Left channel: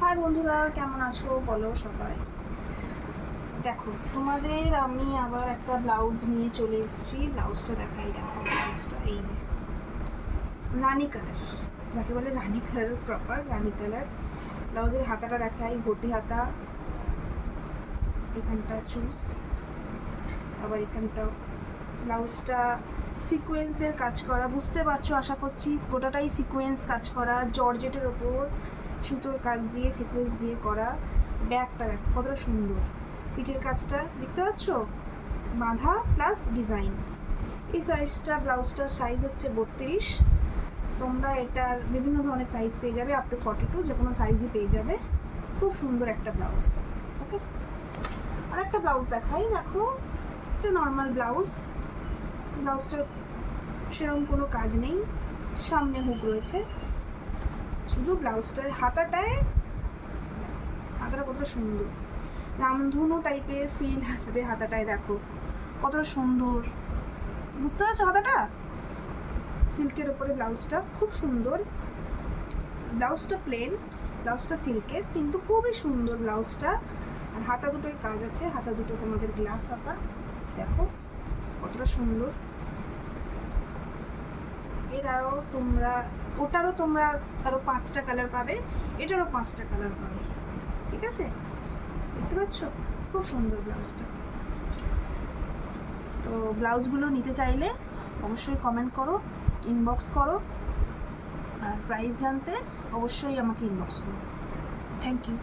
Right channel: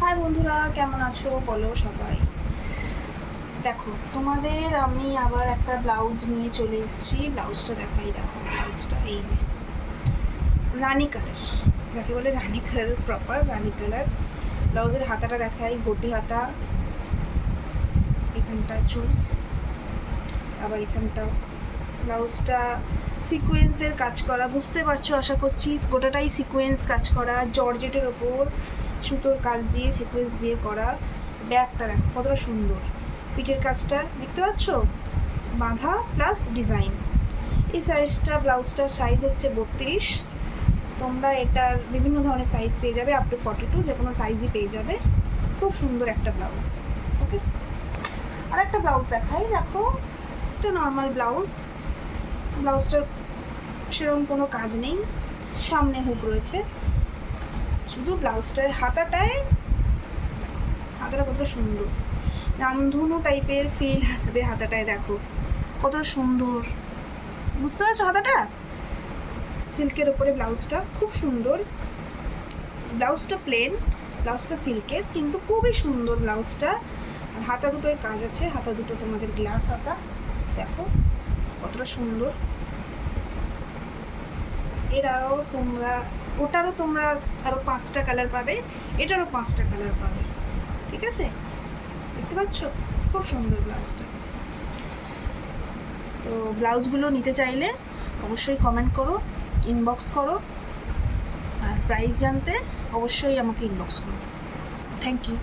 High বন্ধুরা, কেমন আছো বলো সবাই। দেখো তোমাদের আমি আবার একটা ব্লাউজ নিয়ে চলে এসেছি। ব্লাউজটা দেখাই, দেখো ব্লাউজটা এই যে রানি কালার, যাকে বলে রানি কালার, প্রপার রানি কালার। ব্লাউজের হাতাটা দেখাই, গটি হাতা, এখানটা চুজ, আবার এখানটাও। ব্লাউজটা সিকোয়েন্সের কাজ করা, বুঝতে পারছো আশা করছি। গোটাটাই সিকোয়েন্স কাজ করা, জর্জেটের ওপর সুতোর কাজ দিয়ে সিকোয়েন্স দিয়ে করা। ব্যাগটা দেখো কতটা সুন্দর, পিঠের কাজটা দেখতে পাচ্ছ, বাঁধা প্লাস ডিজাইন। এই সাইজটা, ব্লাউজটার সাইজ হচ্ছে 32। তোমরা এটার বিভিন্ন ধরনের সাইজ পেয়ে যাবে, আপ টু 42, যে কোনো সাইজই পেয়ে যাবে। খুব সুন্দর একটা ব্লাউজ। ওকে, আর একটা ব্লাউজ দেখাই, দেখো একটা নর্মাল ব্লাউজ। ব্লাউজটার সেরকম কোনো কাজ নেই, সামনে হুক রয়েছে, শুধু ব্লাউজটার হাতাটায়, হাতাটা কতটা সুন্দর, রামধনু টাইপের ফিল আসবে হাতাটায়। দেখো কতটা সুন্দর, বুঝতে পারছো হাতাটা? সিল্কের ওপরে ব্লাউজটা খুব সুন্দর। ব্লাউজটা প্লেন, ব্লাউজটা সিল্কের, কিন্তু খুবই সুন্দর ব্লাউজটা। আর হাতা দুটোয় কাজ আছে, হাতা দুটো তোমাদের গ্লাস হাতা, দেখো কতটা সুন্দর। এরাও তোমরা, ওটারও তোমরা আরও 5টা কালার পাবে, এটারও 5টা কালার পাবে। ঠিক আছে, দেখতে পাচ্ছ খুব সুন্দর ব্লাউজটা। তো ব্লাউজগুলো নিতে চাইলে অবশ্যই কমেন্ট করো, ইনবক্স করো, আর প্রাইস জানতে অবশ্যই আমাকে ইনবক্স করো। Thank you.